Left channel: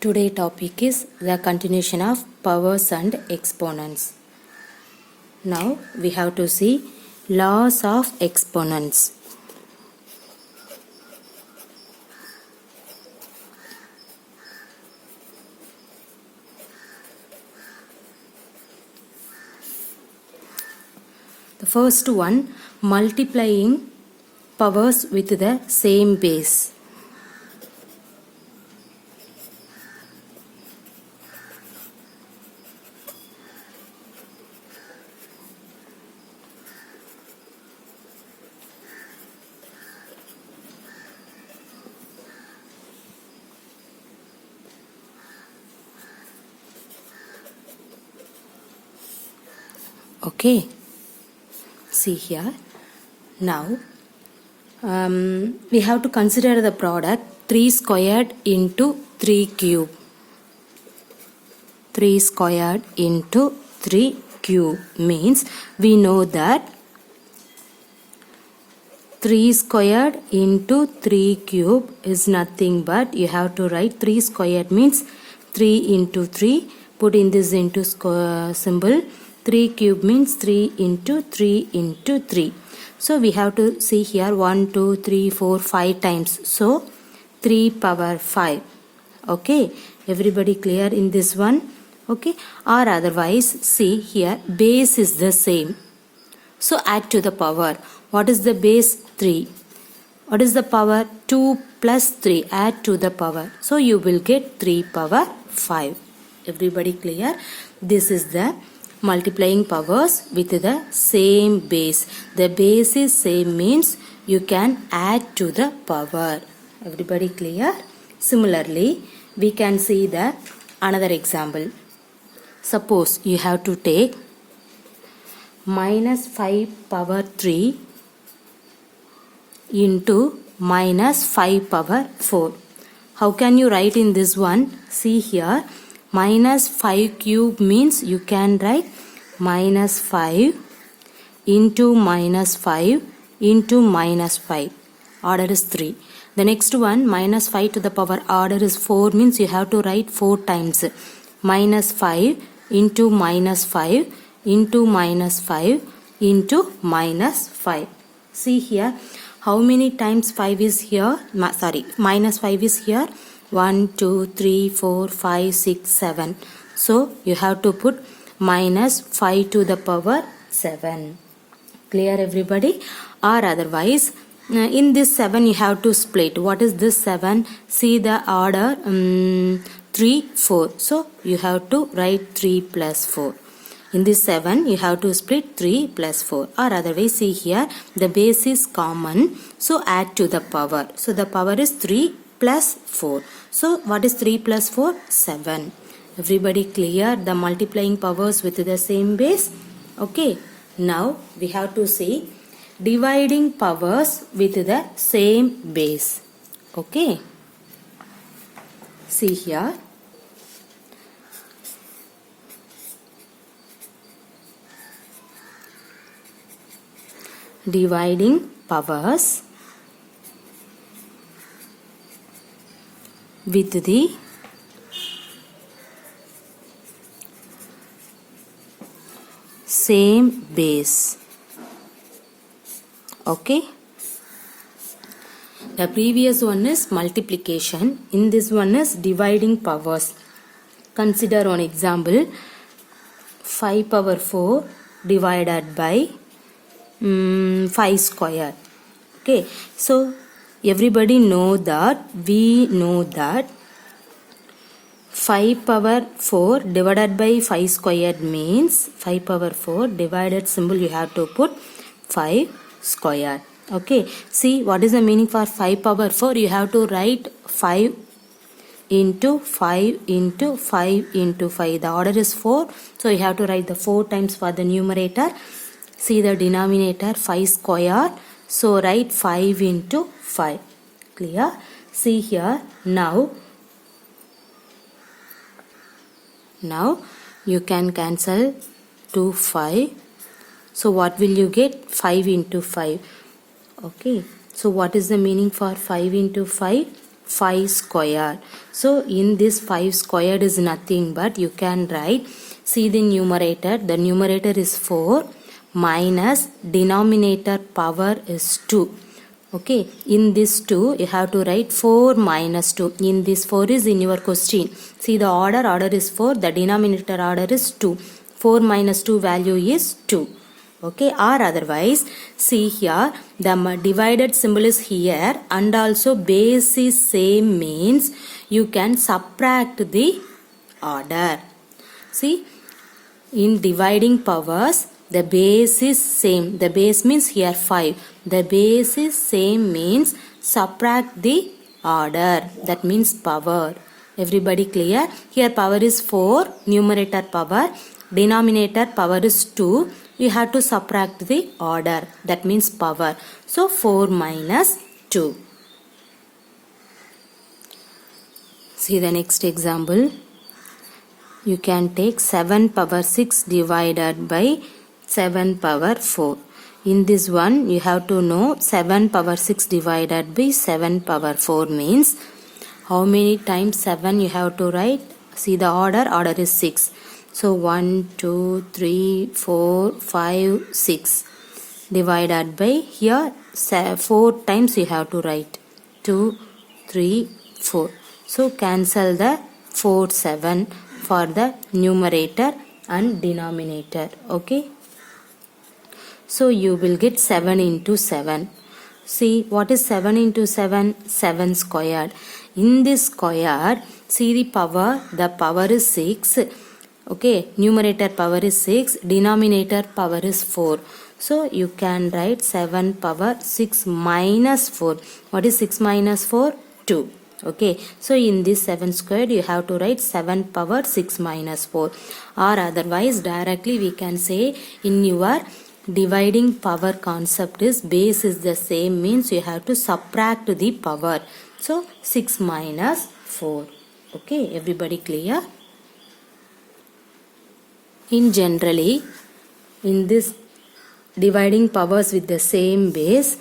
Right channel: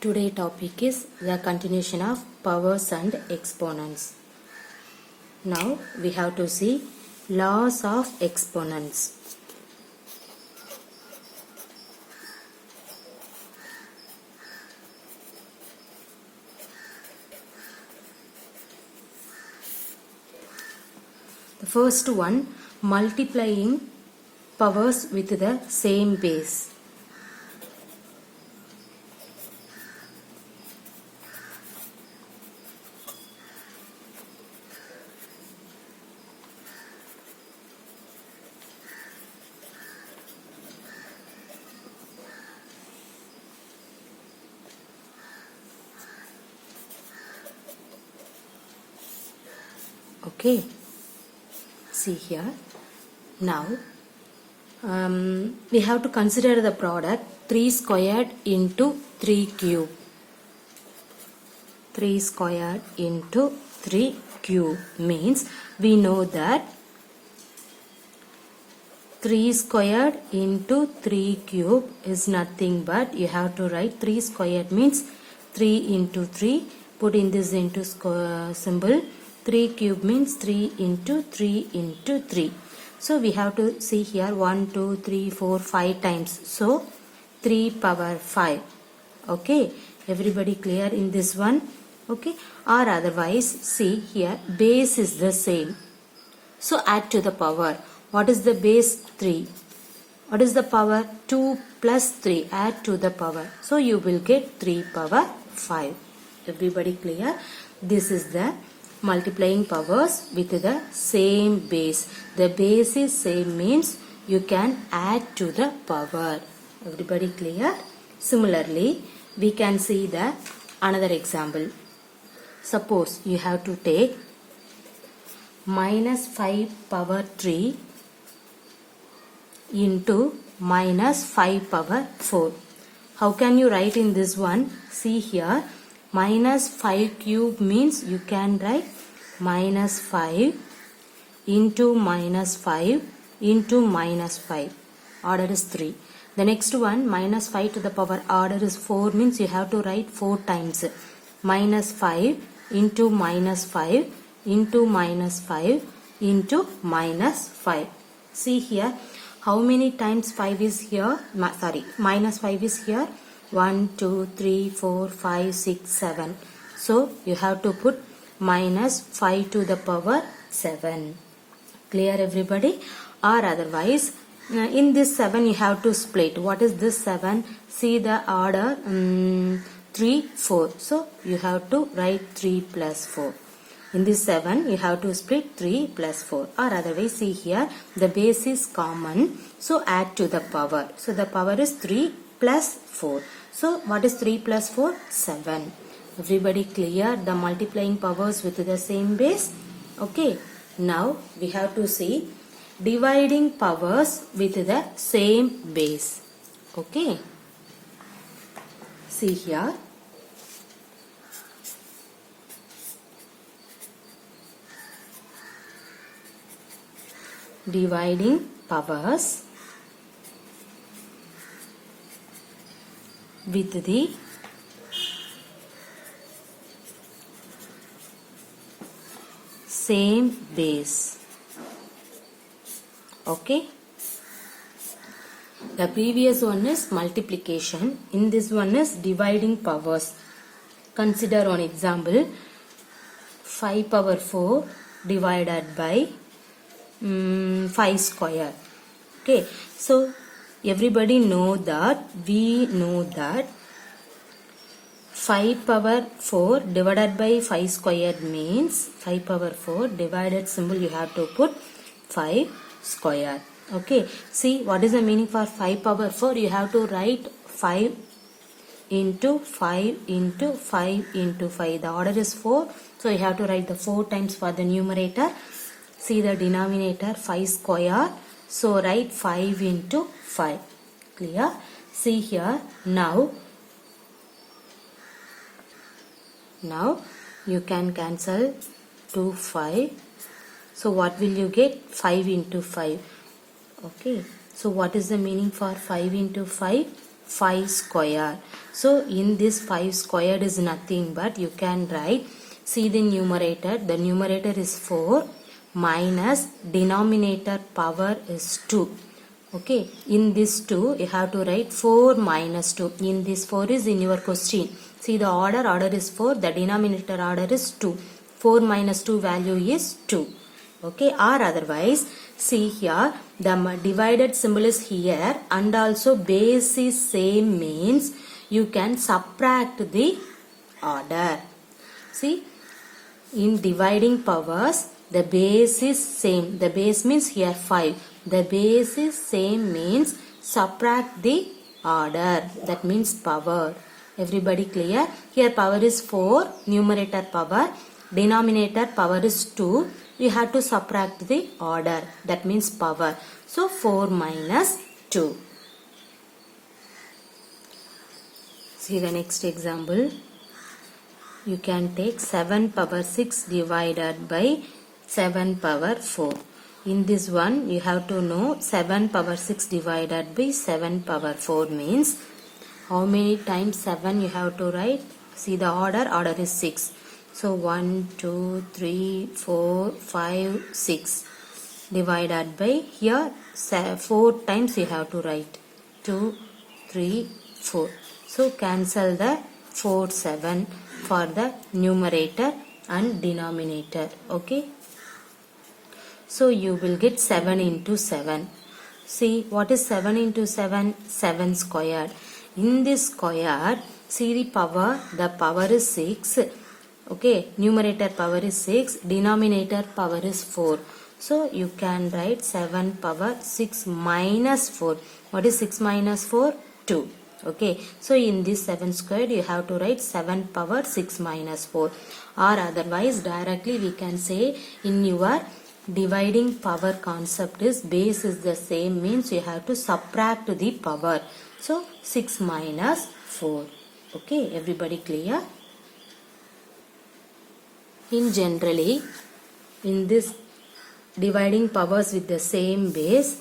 Today topic is the continuation of powers and exponents. Now we have to see laws of exponents. The first one, multiplying powers with the same base. Okay, see here. Now we have to consider the product 3 squared into 3 cube. 3 squared into 3 cube means we know that 3 squared into 3 cube is nothing but you have to write 3 squared means 3 into 3, put in this into symbol. 3 cube means 3 into 3 into 3. So we have to see here 1, 2, 3, 4, 5 times. So 3 power 5. Okay, everybody clear in this one? Okay, or otherwise see here base is the same. So add to the power. What is the base? 3. What is the power? 2 plus 3. Add to the power. So you will get 3 power 5. Everybody clear? This is the multiplying powers with the same base. The base is same means you can add to the power. Everybody clear? Similarly, we can see the another example. Suppose you have to take minus 5 power 3 into minus 5 power 4. How can you write in this one? See here. Minus 5 cube means you can write minus 5 into minus 5 into minus 5. Order is 3. The next one, minus 5 to the power order is 4 means you have to write 4 times. Minus 5 into minus 5 into minus 5 into minus 5. See here, how many times 5 is here? Minus 5 is here. 1, 2, 3, 4, 5, 6, 7. So you have to put minus 5 to the power 7. Clear everybody? Or otherwise, in this 7 you have to split. What is this 7? See the order 3, 4. So you have to write 3 plus 4. In this 7 you have to split 3 plus 4. Or otherwise see here the base is common. So add to the power. So the power is 3 plus 4. So what is 3 plus 4? 7. Everybody clear the multiplying powers with the same base? Okay. Now we have to see dividing powers with the same base. Okay. See here. Dividing powers with the same base. Okay. The previous one is multiplication. In this one is dividing powers. Consider one example. 5 power 4 divided by 5 square. Okay. So everybody know that, we know that 5 power 4 divided by 5 squared means 5 power 4 divided symbol you have to put 5 square. Okay, see what is the meaning for 5 power 4? You have to write 5 into 5 into 5 into 5. The order is 4. So you have to write the 4 times for the numerator. See the denominator 5 square. So write 5 into 5. Clear? See here. Now you can cancel 2, 5. So what will you get? 5 into 5. Okay. So what is the meaning for 5 into 5? 5 square. So in this 5 squared is nothing but you can write, see the numerator is 4 minus denominator power is 2. Okay, in this 2 you have to write 4 minus 2. In this 4 is in your question. See the order is 4, the denominator order is 2. 4 minus 2 value is 2. Okay, or otherwise, see here, the divided symbol is here and also base is same means you can subtract the order. See, in dividing powers, the base is same. The base means here 5. The base is same means subtract the order. That means power. Everybody clear? Here power is 4, numerator power. Denominator power is 2. We have to subtract the order. That means power. So 4 minus 2. See the next example. You can take 7 power 6 divided by 7 power 4. In this one you have to know 7 power 6 divided by 7 power 4 means how many times 7 you have to write. See the order is 6. So 1, 2, 3, 4, 5, 6 divided by here 4 times you have to write. 2, 3, 4. So cancel the 4, 7 for the numerator and denominator. Okay. So you will get 7 into 7. See what is 7 into 7? 7 squared. In this square, see the power is 6. Okay, numerator power is 6, denominator power is 4. So you can write 7 power 6 minus 4. What is 6 minus 4? 2. Okay, so in this 7 squared you have to write 7 power 6 minus 4. Or otherwise directly we can say in your dividing power concept is base is the same means you have to subtract the power. So 6 minus 4. Okay, everybody clear? In generally, in this dividing powers with the same base,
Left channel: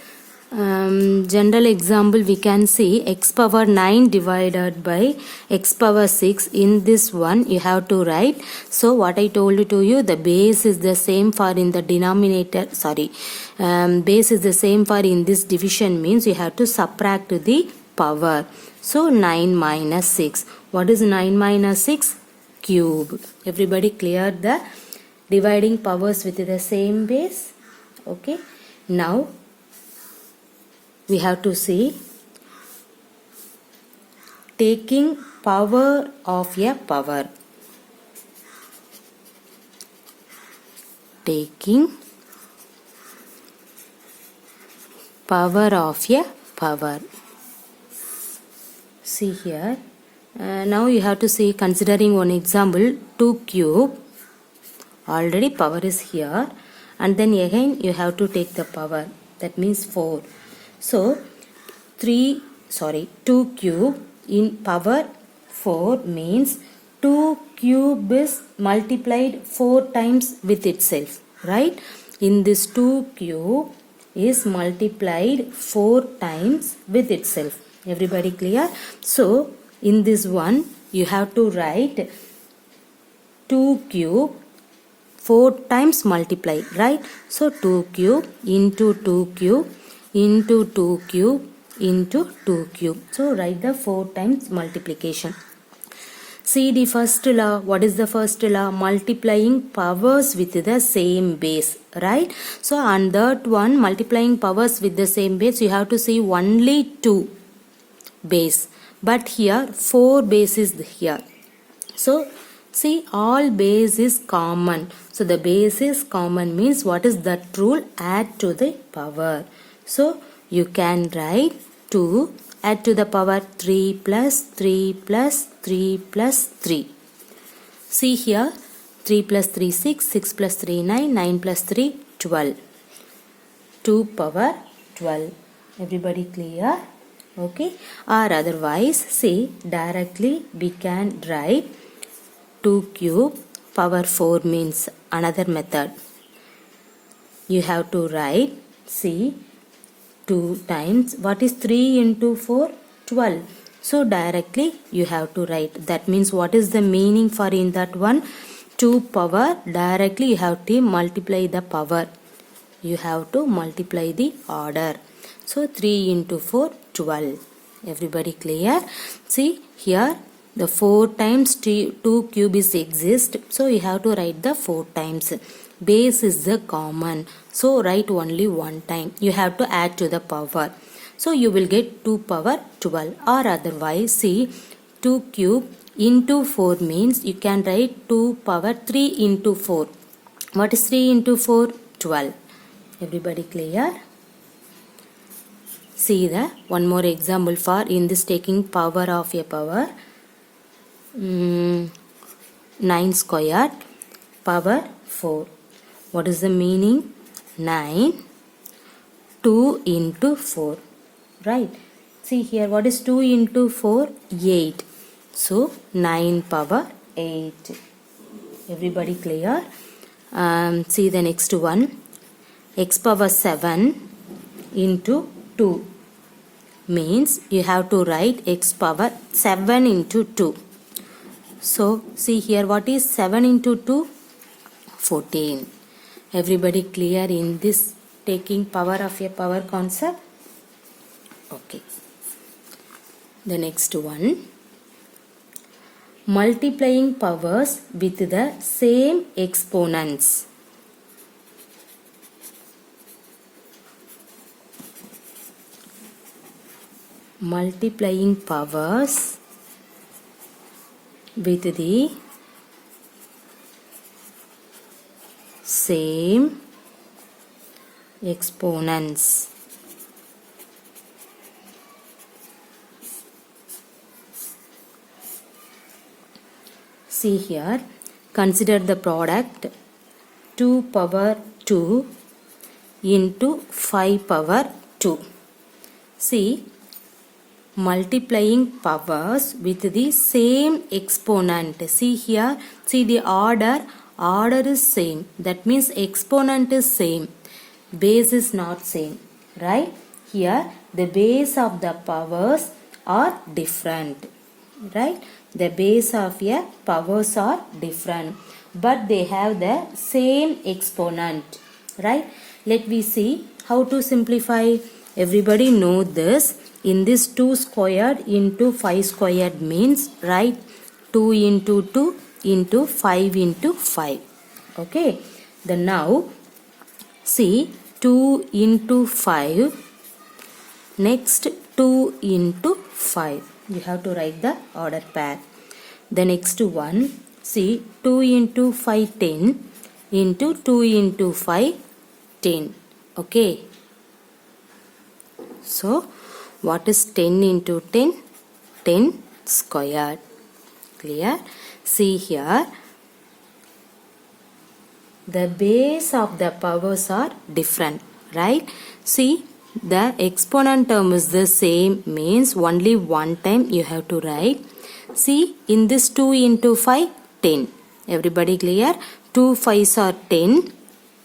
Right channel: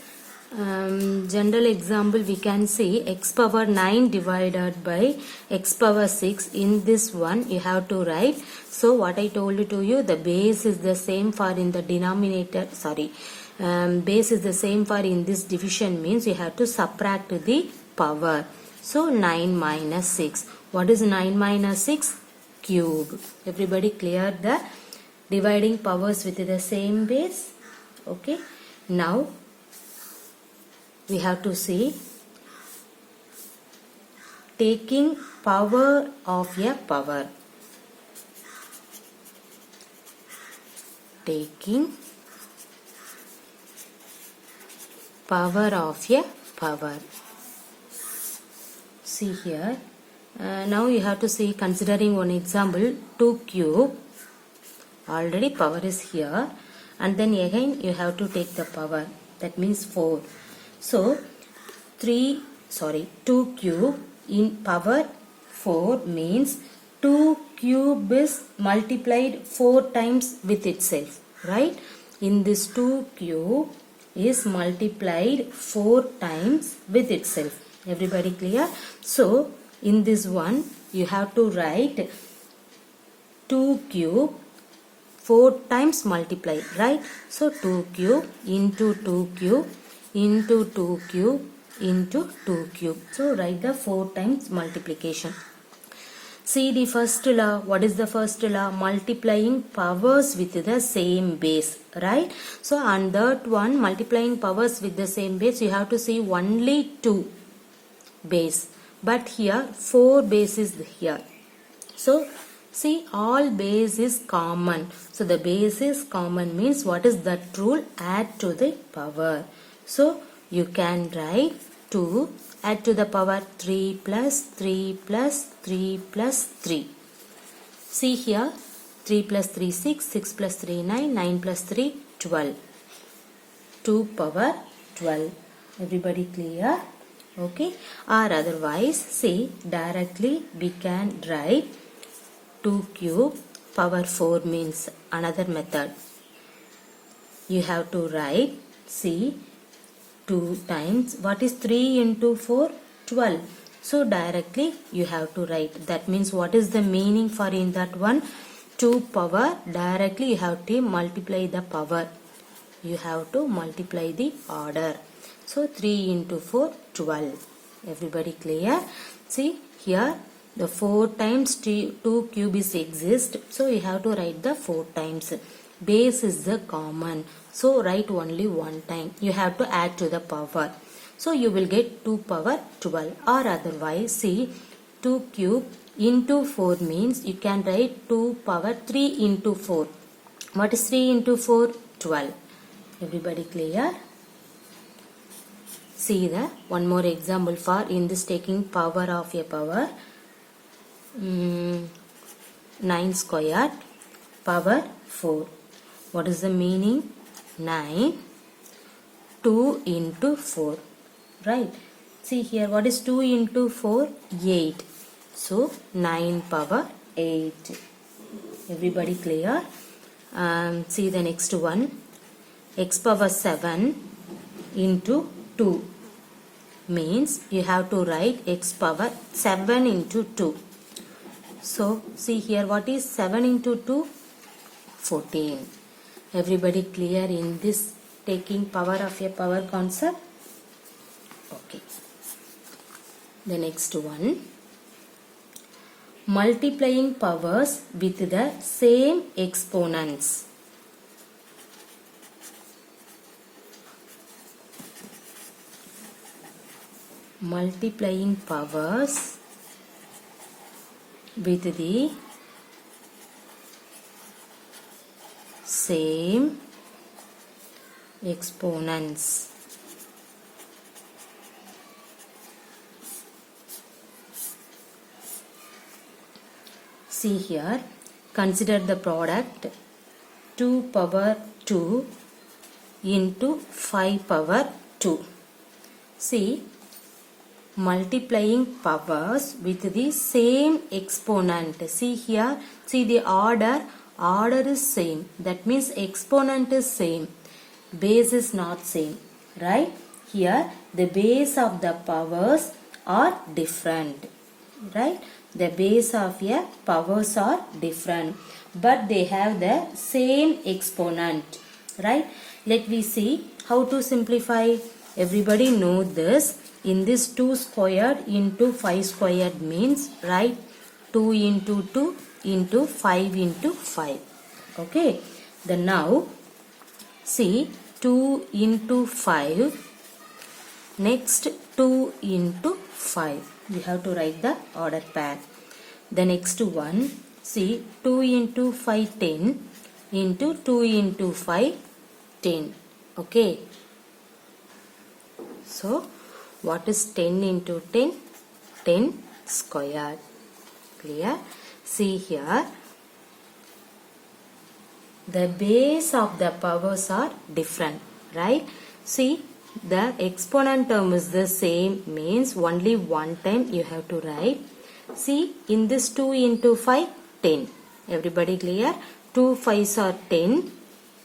general example we can see x power 9 divided by x power 6. In this one you have to write. So what I told to you, the base is the same for in the denominator, base is the same for in this division means you have to subtract the power. So 9 minus 6. What is 9 minus 6? Cube. Everybody clear the dividing powers with the same base? Okay. Now we have to see taking power of a power. Taking power of a power. See here. Now you have to see, considering one example, 2 cube. Already power is here. And then again you have to take the power. That means 4. So 2 cube in power 4 means 2 cube is multiplied 4 times with itself. Right? In this 2 cube is multiplied 4 times with itself. Everybody clear? So in this one you have to write 2 cube 4 times multiply, right? So 2 cube into 2 cube into 2 cube into 2 cube. So write the 4 times multiplication. See the first law. What is the first law? Multiplying powers with the same base, right? So on that one, multiplying powers with the same base, you have to see only 2 base. But here 4 base is here. So see, all base is common. So the base is common means what is that rule? Add to the power. So you can write 2 add to the power 3 plus 3 plus 3 plus 3. See here 3 plus 3 6, 6 plus 3 9, 9 plus 3 12. 2 power 12. Everybody clear? Okay. Or otherwise, see, directly we can write 2 cube power 4 means another method. You have to write, see, 2 times, what is 3 into 4? 12. So directly you have to write. That means what is the meaning for in that one? 2 power, directly you have to multiply the power. You have to multiply the order. So 3 into 4, 12. Everybody clear? See here the 4 times 2 cube is exist. So you have to write the 4 times. Base is the common. So write only one time. You have to add to the power. So you will get 2 power 12, or otherwise see 2 cube into 4 means you can write 2 power 3 into 4. What is 3 into 4? 12. Everybody clear? See the one more example for in this taking power of a power. 9 squared power 4. What is the meaning? 9, 2 into 4. Right? See here, what is 2 into 4? 8. So 9 power 8. Everybody clear? See the next one. X power 7 into 2 means you have to write x power 7 into 2. So see here, what is 7 into 2? 14. Everybody clear in this taking power of a power concept? Okay. The next one. Multiplying powers with the same exponents. Multiplying powers with the same exponents. See here, consider the product 2 power 2 into 5 power 2. See, multiplying powers with the same exponent. See here, see the order is same. That means exponent is same. Base is not same. Right? Here the base of the powers are different. Right? The base of a powers are different. But they have the same exponent. Right? Let me see how to simplify. Everybody know this. In this 2 squared into 5 squared means write 2 into 2 into 5 into 5. Okay. Then now see 2 into 5. Next 2 into 5. We have to write the order pair. The next one, see 2 into 5 10 into 2 into 5 10. Okay. So what is 10 into 10? 10 squared. Clear? See here. The base of the powers are different. Right? See, the exponent term is the same means only one time you have to write. See, in this 2 into 5, 10. Everybody clear? 2 5s are 10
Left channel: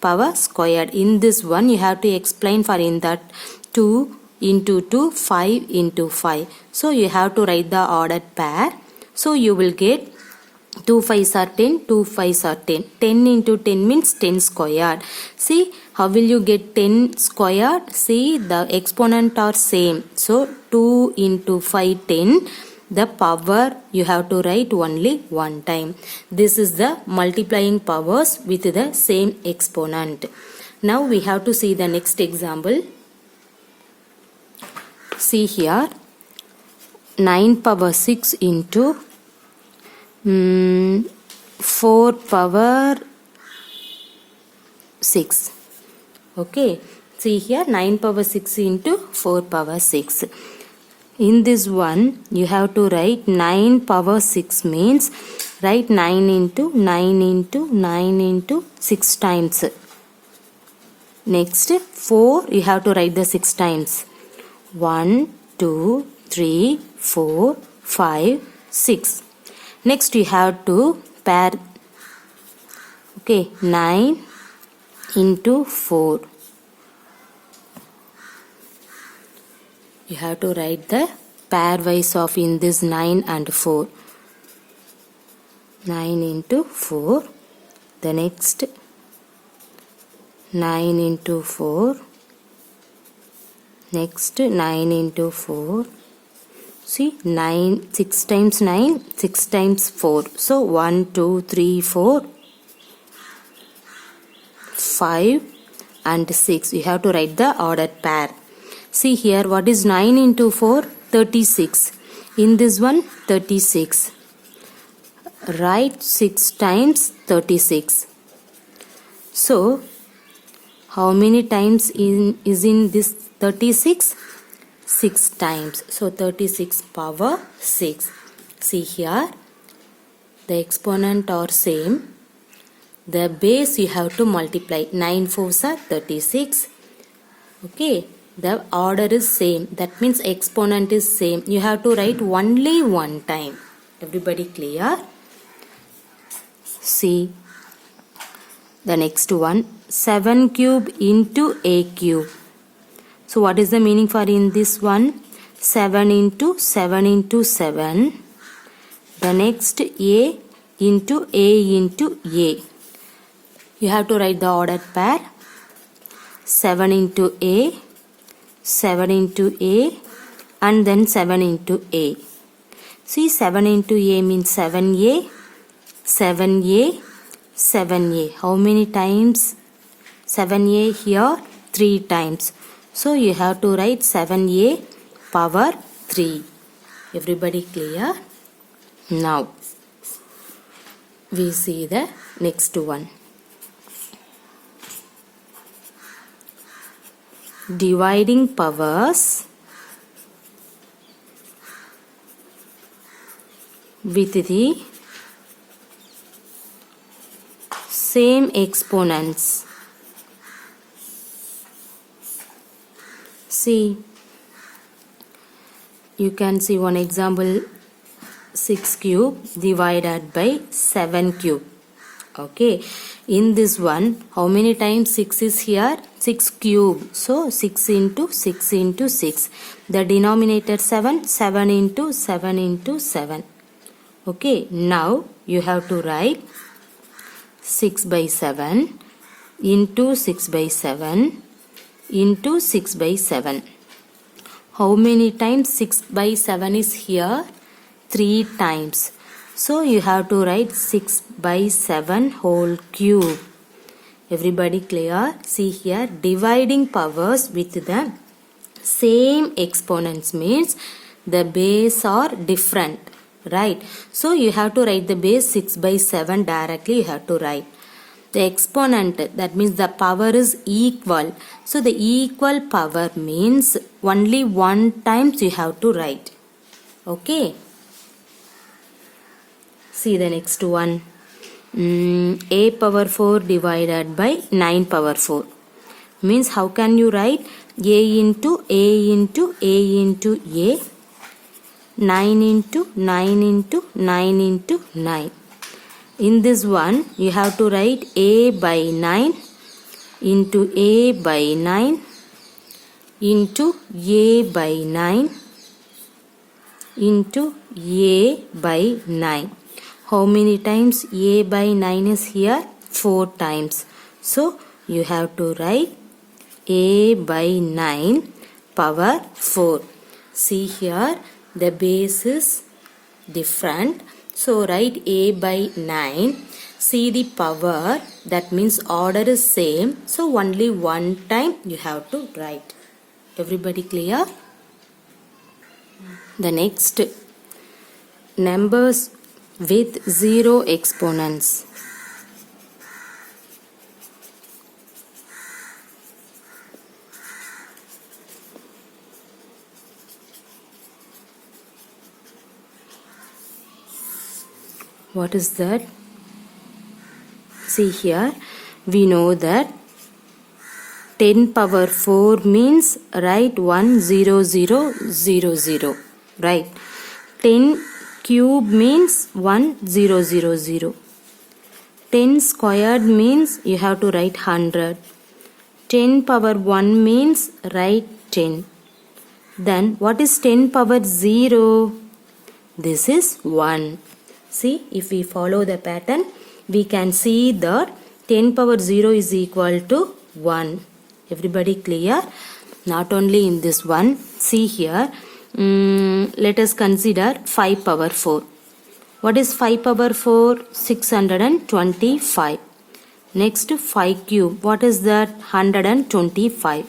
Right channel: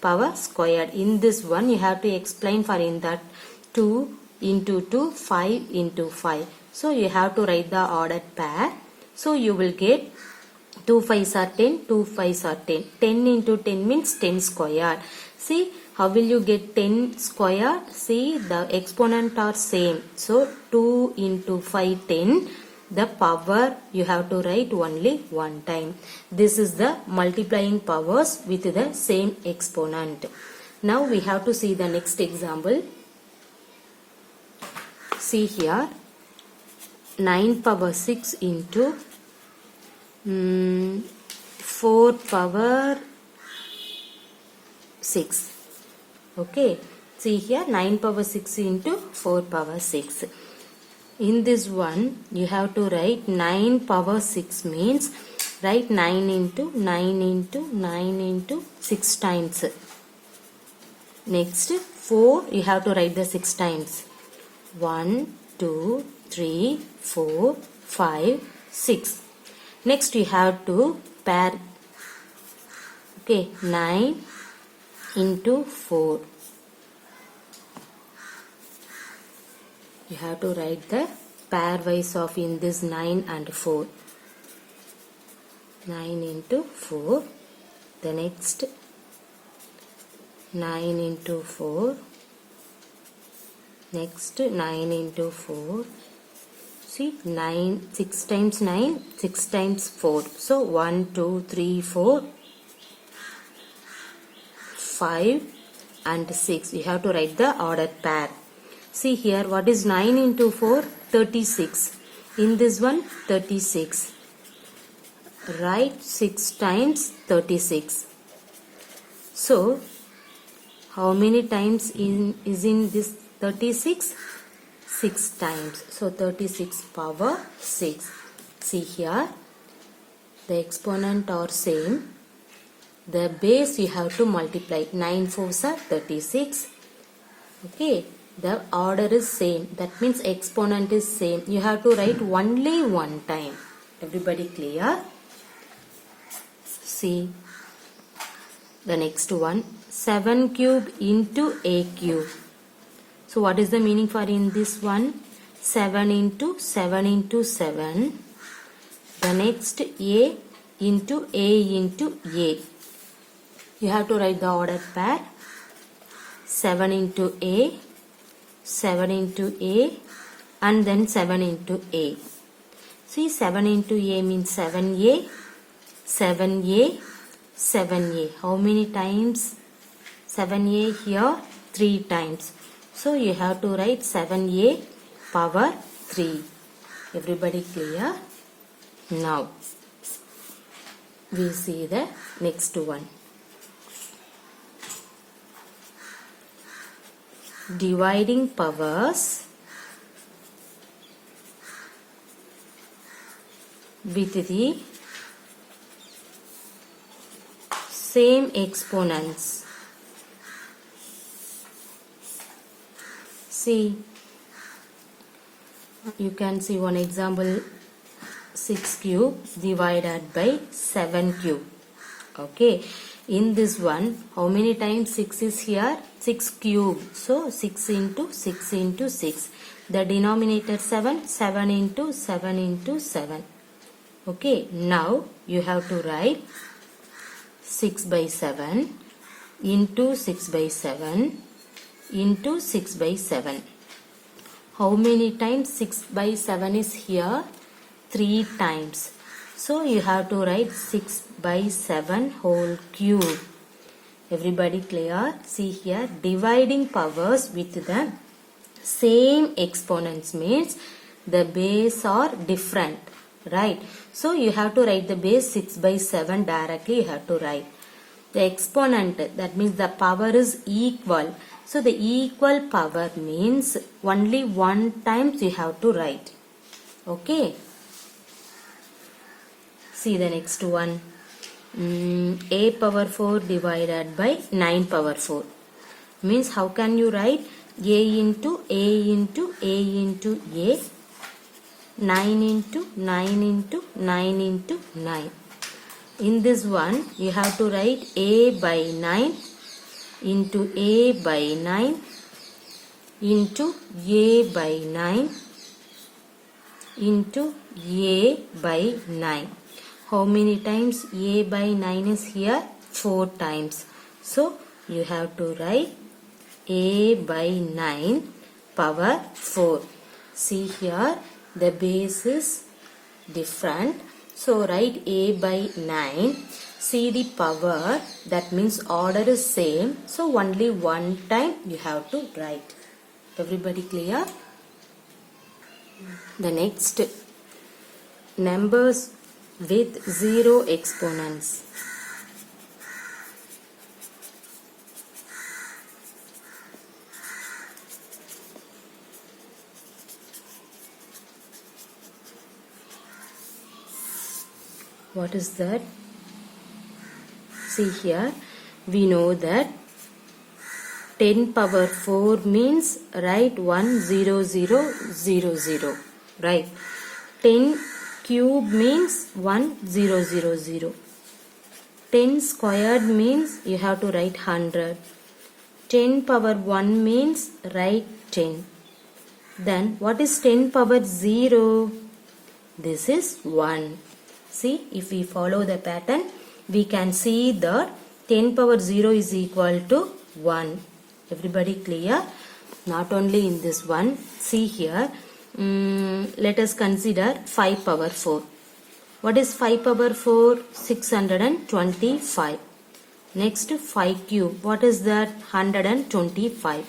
power squared. In this one you have to explain for in that 2 into 2, 5 into 5. So you have to write the ordered pair. So you will get 2 5s are 10, 2 5s are 10. 10 into 10 means 10 squared. See, how will you get 10 squared? See, the exponent are same. So 2 into 5, 10. The power you have to write only one time. This is the multiplying powers with the same exponent. Now we have to see the next example. See here, 9 power 6 into 4 power 6. Okay. See here, 9 power 6 into 4 power 6. In this one, you have to write 9 power 6 means write 9 into 9 into 9 into 6 times. Next, 4 you have to write the 6 times. 1, 2, 3, 4, 5, 6. Next you have to pair. Okay, 9 into 4. You have to write the pairwise of in this 9 and 4. 9 into 4. The next 9 into 4. Next 9 into 4. See 9, 6 times 9, 6 times 4. So 1, 2, 3, 4, 5 and 6. You have to write the ordered pair. See here, what is 9 into 4? 36. In this one, 36. Write 6 times 36. So, how many times is in this 36? 6 times. So, 36 power 6. See here, the exponent are same. The base you have to multiply. 9 4s are 36. Okay. The order is same. That means exponent is same. You have to write only one time. Everybody clear? See the next one. 7 cube into a cube. So what is the meaning for in this one? 7 into 7 into 7. The next a into a. You have to write the ordered pair. 7 into a. 7 into a and then 7 into a. See 7 into a means 7a, 7a, 7a. How many times? 7a here 3 times. So you have to write 7a power 3. Everybody clear? Now we see the next one. Dividing powers with the same exponents. See, you can see one example, 6 cube divided by 7 cube. Okay, in this one, how many times 6 is here? 6 cube. So 6 into 6 into 6. The denominator 7, 7 into 7 into 7. Okay, now you have to write 6 by 7 into 6 by 7 into 6 by 7. How many times 6 by 7 is here? 3 times. So you have to write 6 by 7 whole cube. Everybody clear? See here, dividing powers with the same exponents means the base are different, right? So you have to write the base 6 by 7 directly you have to write. The exponent, that means the power is equal. So the equal power means only one times you have to write. Okay. See the next one. A power 4 divided by 9 power 4. Means how can you write? A into A into A into A. 9 into 9 into 9 into 9. In this one, you have to write A by 9 into A by 9 into A by 9 into A by 9. How many times A by 9 is here? 4 times. So, you have to write A by 9 power 4. See here, the base is different. So, write A by 9. See the power, that means order is same. So, only one time you have to write. Everybody clear? The next, numbers with 0 exponents. What is that? See here, we know that 10 power 4 means write 1 0 0 0 0, right? 10 cube means 1 0 0 0. 10 squared means you have to write 100. 10 power 1 means write 10. Then what is 10 power 0? This is 1. See, if we follow the pattern, we can see that 10 power 0 is equal to 1. Everybody clear? Not only in this one, see here, let us consider 5 power 4. What is 5 power 4? 625. Next 5 cube. What is that? 125.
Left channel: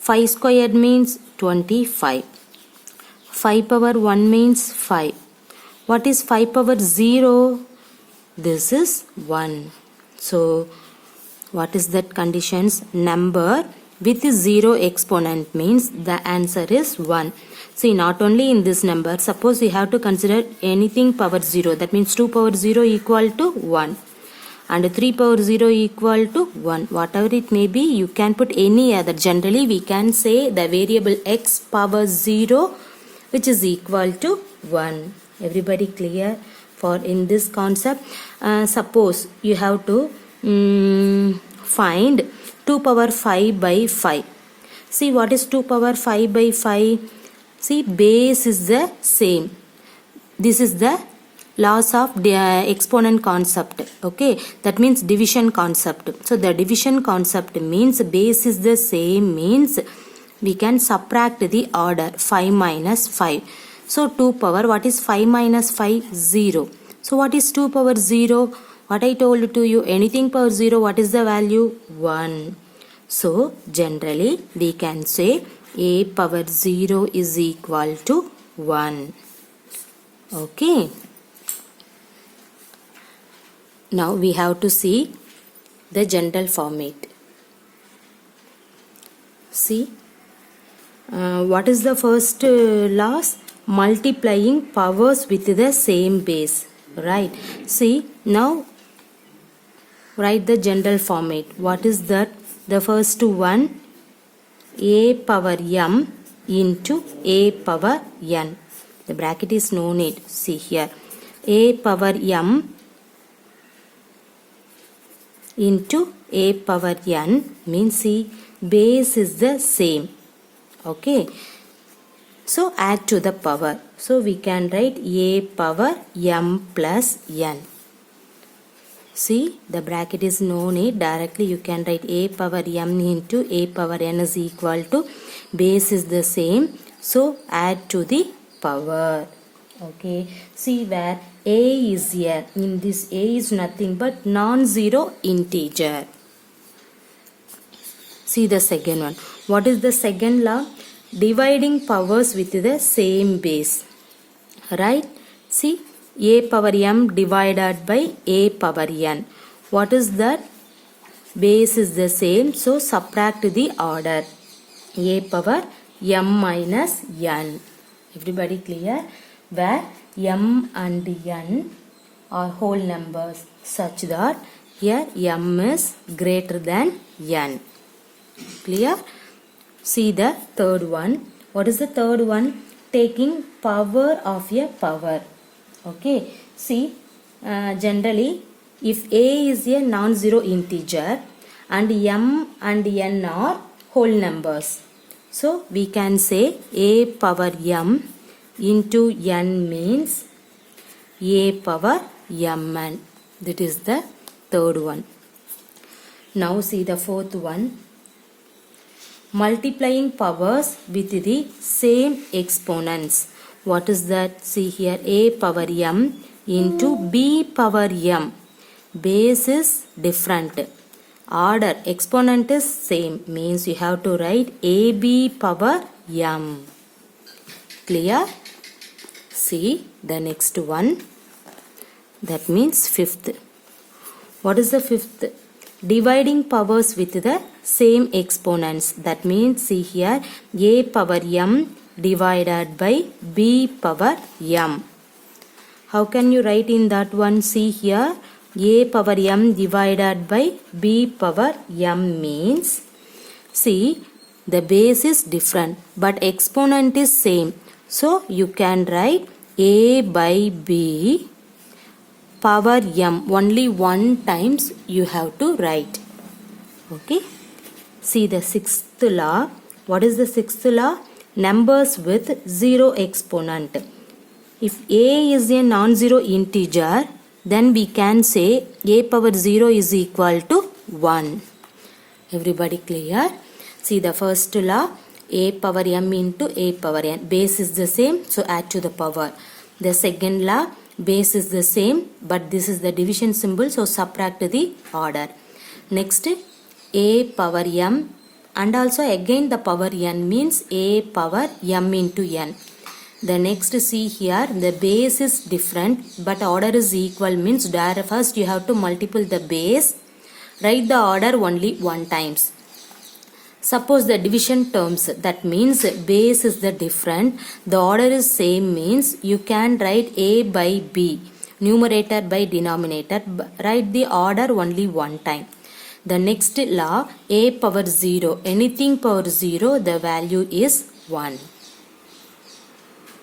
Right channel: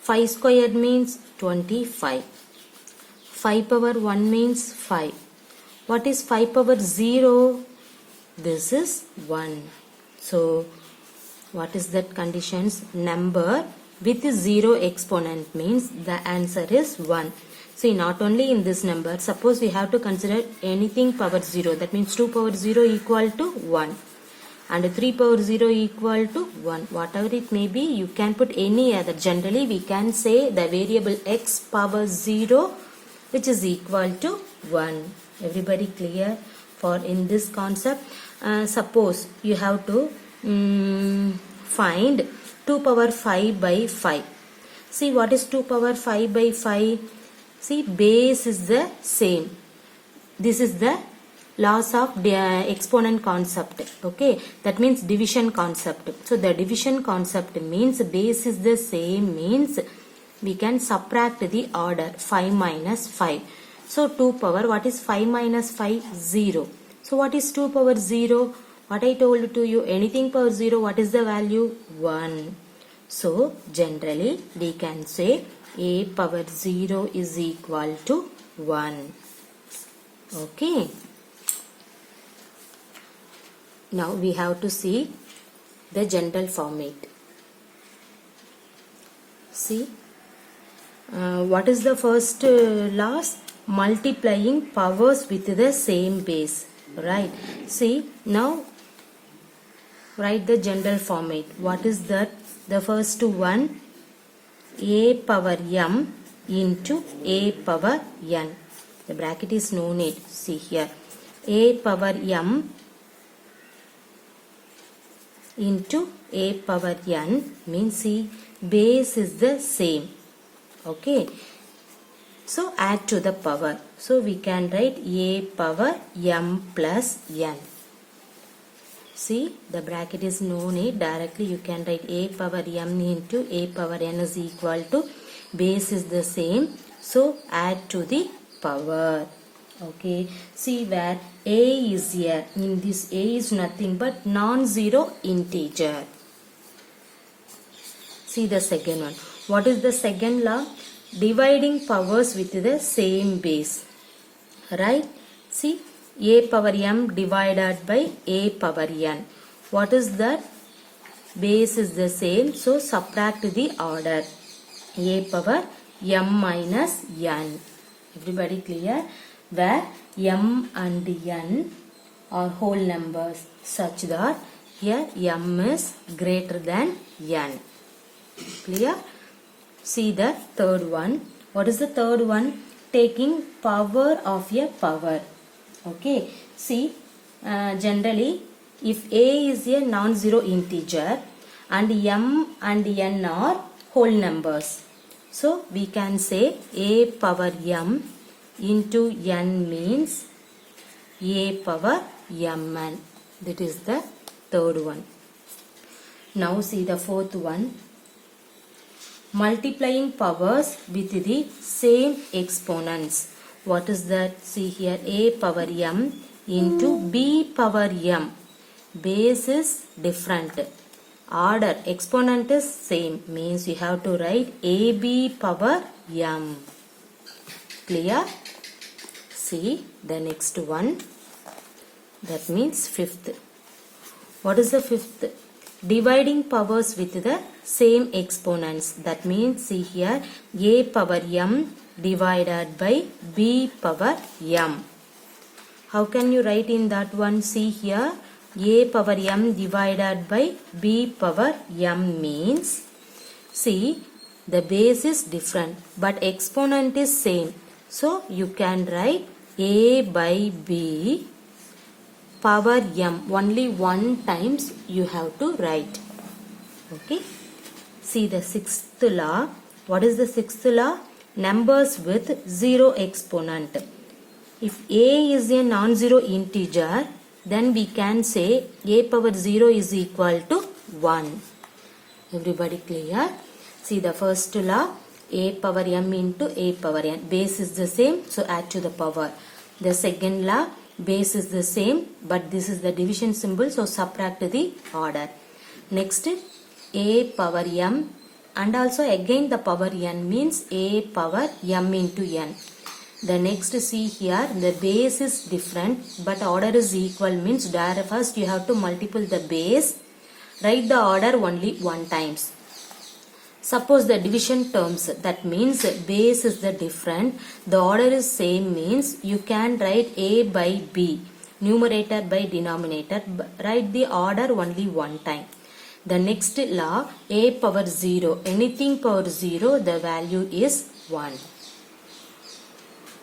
5 squared means 25. 5 power 1 means 5. What is 5 power 0? This is 1. So, what is that conditions? Number with 0 exponent means the answer is 1. See, not only in this number, suppose we have to consider anything power 0. That means 2 power 0 equal to 1. And 3 power 0 equal to 1. Whatever it may be, you can put any other. Generally, we can say the variable x power 0 which is equal to 1. Everybody clear? For in this concept, suppose you have to find 2 power 5 by 5. See, what is 2 power 5 by 5? See, base is the same. This is the laws of the exponent concept. Okay, that means division concept. So the division concept means base is the same, means we can subtract the order 5 minus 5. So 2 power, what is 5 minus 5? 0. So what is 2 power 0? What I told to you, anything power 0, what is the value? 1. So generally we can say a power 0 is equal to 1. Okay. Now we have to see the general format. See, what is the first laws? Multiplying powers with the same base. Right. See, now write the general format. What is that? The first one, a power m into a power n. The bracket is no need. See here, a power m into a power n means, see, base is the same. Okay. So add to the power. So we can write a power m plus n. See, the bracket is no need. Directly you can write a power m into a power n is equal to, base is the same. So add to the power. Okay. See where a is here. In this a is nothing but non-zero integer. See the second one. What is the second law? Dividing powers with the same base. Right? See, a power m divided by a power n. What is that? Base is the same. So subtract the order. A power m minus n. Everybody clear? Where m and n are whole numbers such that here m is greater than n. Clear? See the third one. What is the third one? Taking power of a power. Okay. See, generally, if a is a non-zero integer and m and n are whole numbers, so we can say a power m into n means a power mn. That is the third one. Now see the fourth one. Multiplying powers with the same exponents. What is that? See here, a power m into b power m. Base is different. Order, exponent is same. Means you have to write ab power m. Clear? See the next one. That means fifth. What is the fifth? Dividing powers with the same exponents. That means, see here, a power m divided by b power m. How can you write in that one? See here, a power m divided by b power m means, see, the base is different but exponent is same. So you can write a by b power m. Only one times you have to write. Okay. See the sixth law. What is the sixth law? numbers with 0 exponent. If a is a non-zero integer, then we can say a power 0 is equal to 1. Everybody clear? See the first law, a power m into a power n. Base is the same, so add to the power. The second law, base is the same, but this is the division symbol, so subtract the order. Next, a power m, and also again the power n means a power m into n. The next, see here, the base is different but order is equal means first you have to multiply the base, write the order only one times. Suppose the division terms, that means base is the different, the order is same means you can write a by b, numerator by denominator, write the order only one time. The next law, a power 0, anything power 0, the value is 1.